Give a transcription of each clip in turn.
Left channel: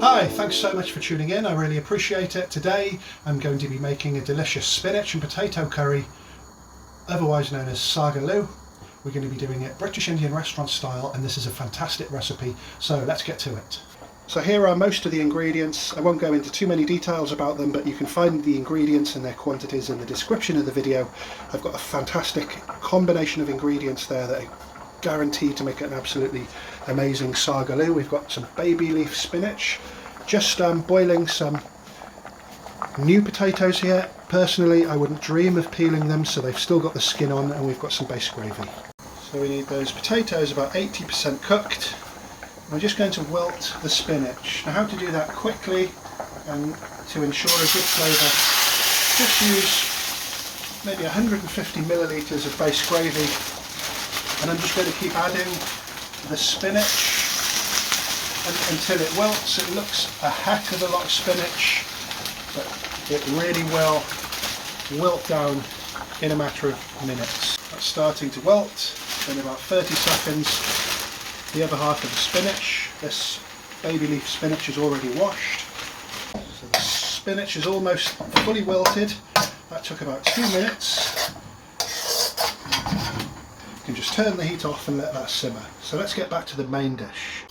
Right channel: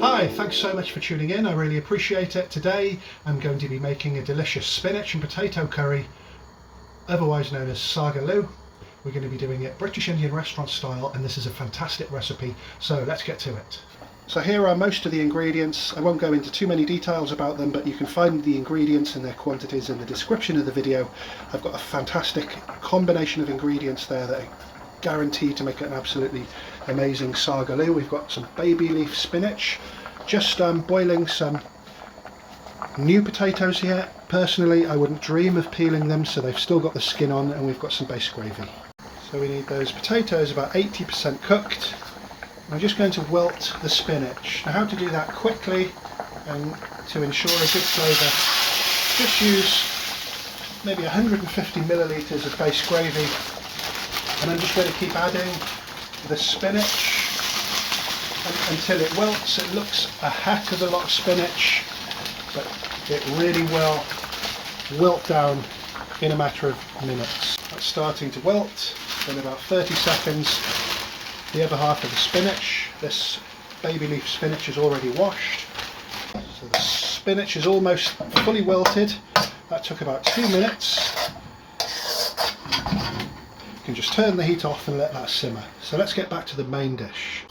Hi, thanks so much for tuning in, I really appreciate it. Today I'm going to be making a delicious spinach and potato curry, otherwise known as SAAG ALOO. We're going to be doing it British Indian restaurant style, and this is a fantastic recipe, so let's get to it. So here are most of the ingredients. I won't go into too many details about them, but you can find the ingredients and their quantities in the description of the video. I've got a fantastic combination of ingredients there that are guaranteed to make it an absolutely amazing SAAG ALOO. We've got some baby leaf spinach, just boiling some new potatoes here. Personally, I wouldn't dream of peeling them, so they've still got the skin on, and we've got some base gravy. So we need those potatoes about 80% cooked. I'm just going to wilt the spinach. Now, how to do that quickly and to ensure a good flavour, just use maybe 150 millilitres of base gravy, and I'm just going to keep adding the spinach until it wilts. It looks a heck of a lot of spinach, but it really will wilt down in a matter of minutes. It's starting to wilt in about 30 seconds. The other half of the spinach, this baby leaf spinach, is already washed. So the spinach is almost fully wilted. That took about 2 minutes. You can just turn the heat off and let that simmer. So let's get back to the main dish.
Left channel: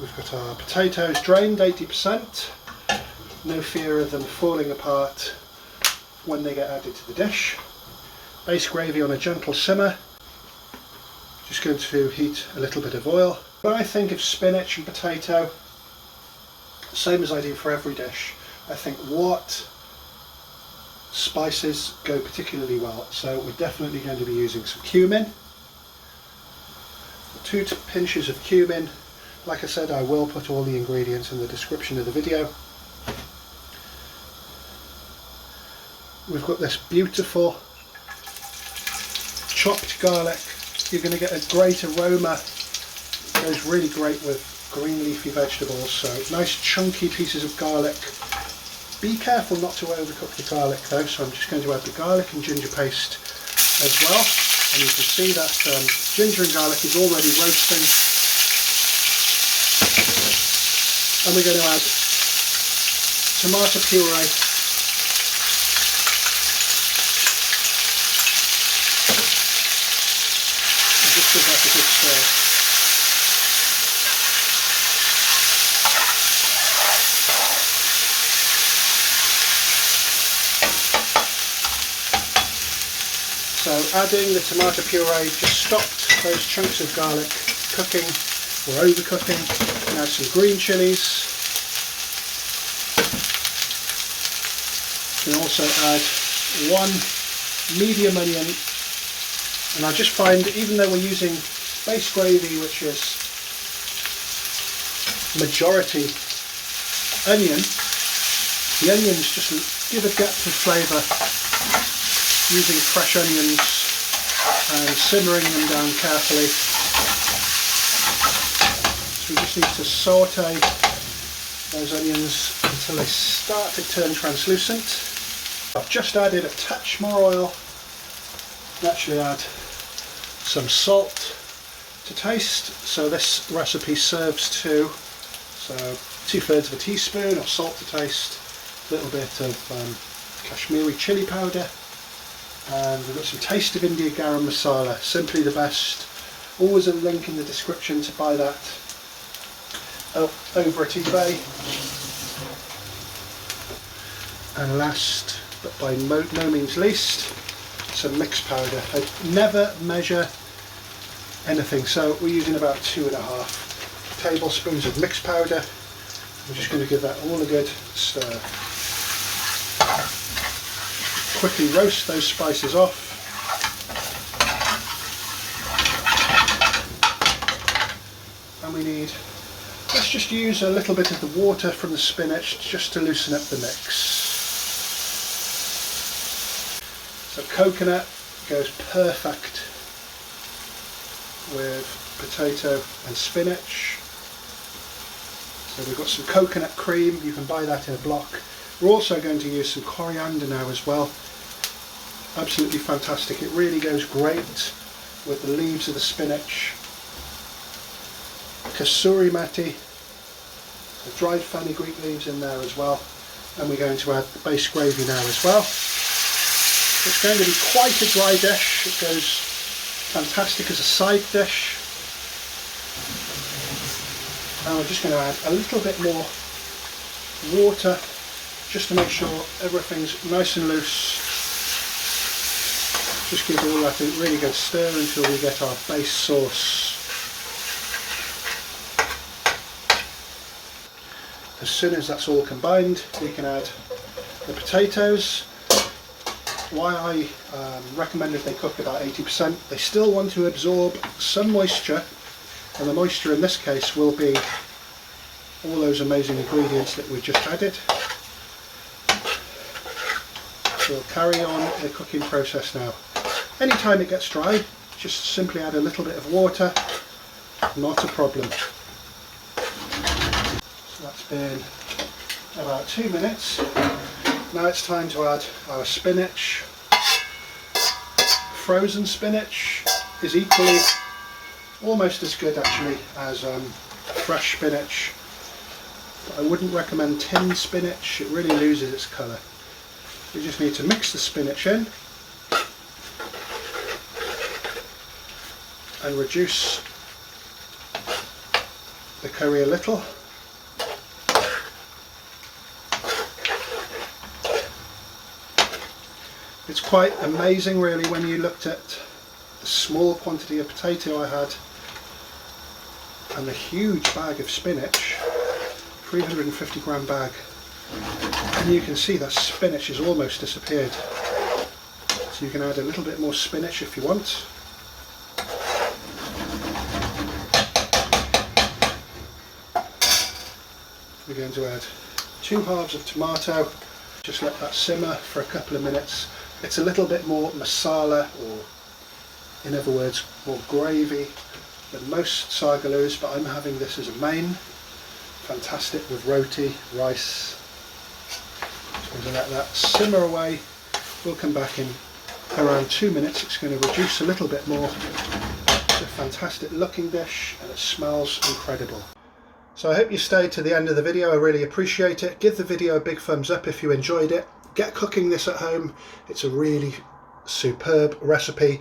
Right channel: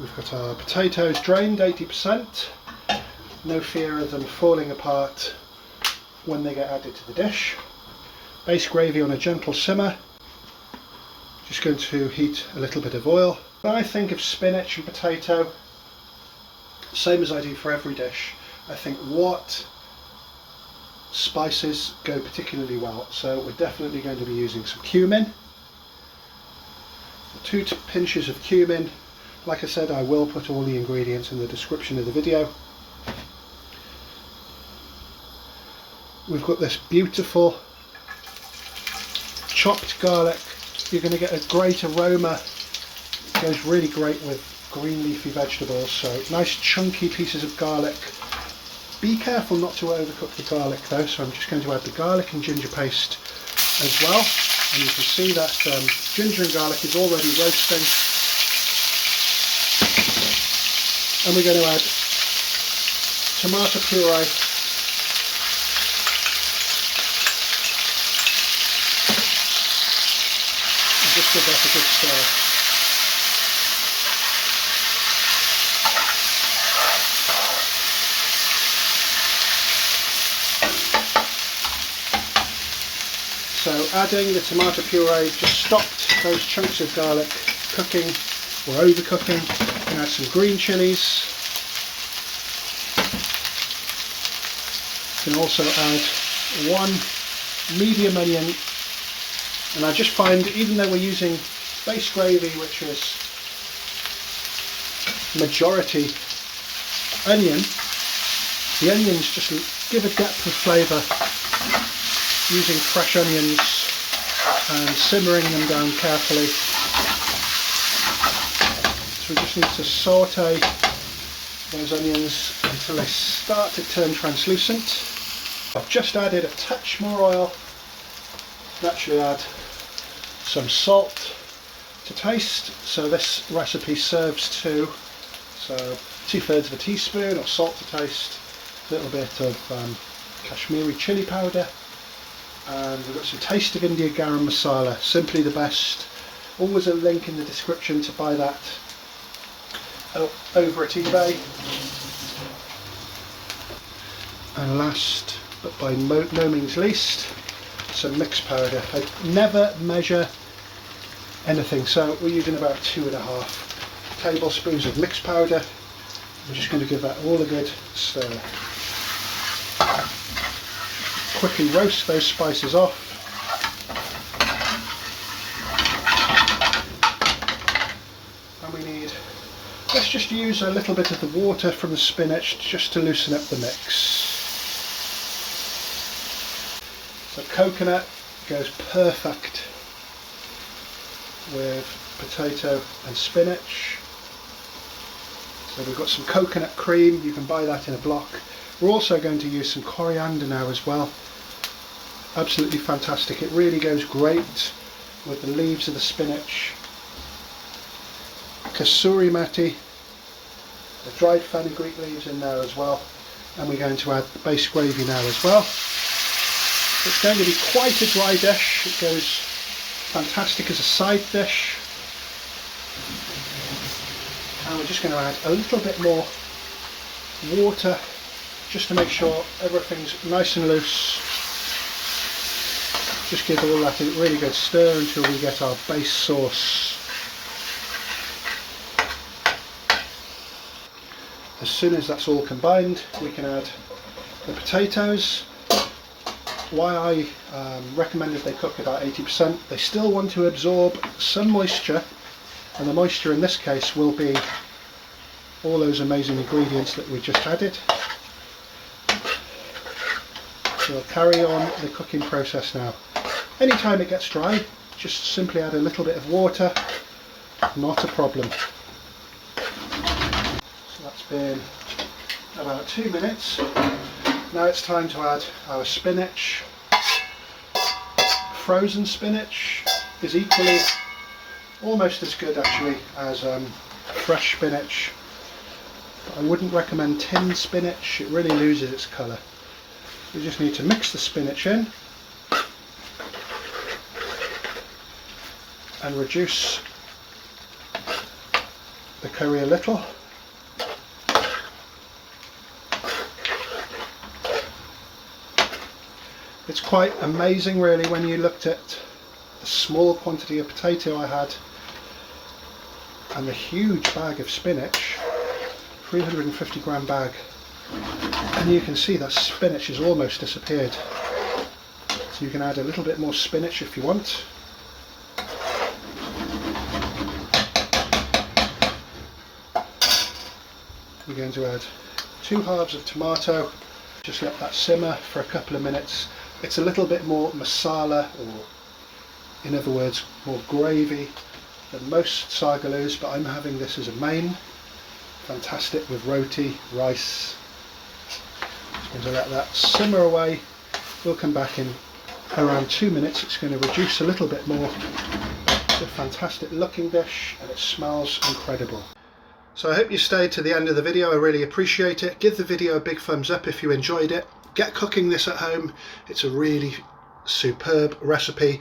We've got our potatoes drained 80%. No fear of them falling apart when they get added to the dish. Base gravy on a gentle simmer. Just going to heat a little bit of oil. When I think of spinach and potato, same as I do for every dish, I think what spices go particularly well. So we're definitely going to be using some cumin. 2 pinches of cumin. Like I said, I will put all the ingredients in the description of the video. We've got this beautiful chopped garlic. You're going to get a great aroma. It goes really great with green leafy vegetables. So nice chunky pieces of garlic. Be careful not to overcook the garlic though, so I'm just going to add the garlic and ginger paste as well. And you can see that ginger and garlic is already roasting. And we're going to add tomato puree. Just give that a good stir. So adding the tomato puree just stopped those chunks of garlic cooking or overcooking. And add some green chilies. You can also add 1 medium onion. And I just find, even though we're using base gravy, which is majority onion, the onions just give a depth of flavour. Using fresh onions and simmering them down carefully. So we just need to saute those onions until they start to turn translucent. I've just added a touch more oil. Naturally add some salt to taste. So this recipe serves to 2/3 of a teaspoon of salt to taste, a little bit of Kashmiri chili powder, and we've got some Taste of India Garam masala, simply the best. Always a link in the description to buy that over at eBay. And last but by no means least, some mixed powder. I never measure anything, so we're using about 2.5 tablespoons of mixed powder. I'm just going to give that all a good stir. Quickly roast those spices off. And we need, let's just use a little bit of the water from the spinach just to loosen up the mix. So coconut goes perfect with potato and spinach. So we've got some coconut cream, you can buy that in a block. We're also going to use some coriander now as well. Absolutely fantastic. It really goes great with the leaves of the spinach. kasuri methi, the dried fenugreek leaves in there as well, and we're going to add the base gravy now as well. It's going to be quite a dry dish. It goes fantastic as a side dish. And we're just going to add a little bit more water just to make sure everything's nice and loose. Just give it all that a really good stir until we get our base sauce. As soon as that's all combined, we can add the potatoes. Why I recommended they cook about 80%, they still want to absorb some moisture, and the moisture in this case will be all those amazing ingredients that we just added. So we'll carry on the cooking process now. Anytime it gets dry, just simply add a little bit of water, not a problem. So that's been about 2 minutes. Now it's time to add our spinach. Frozen spinach is equally, almost as good actually as fresh spinach. I wouldn't recommend tinned spinach, it really loses its colour. We just need to mix the spinach in and reduce the curry a little. It's quite amazing really when you looked at the small quantity of potato I had and the huge bag of spinach, 350 gram bag, and you can see that spinach has almost disappeared. So you can add a little bit more spinach if you want. We're going to add 2 halves of tomato, just let that simmer for a couple of minutes. It's a little bit more masala, or in other words more gravy than most SAAG ALOOs, but I'm having this as a main. Fantastic with roti, rice. Just going to let that simmer away. We'll come back in around 2 minutes. It's going to reduce a little bit more. It's a fantastic looking dish and it smells incredible. So I hope you stayed to the end of the video. I really appreciate it. Give the video a big thumbs up if you enjoyed it. Get cooking this at home. It's a really superb recipe.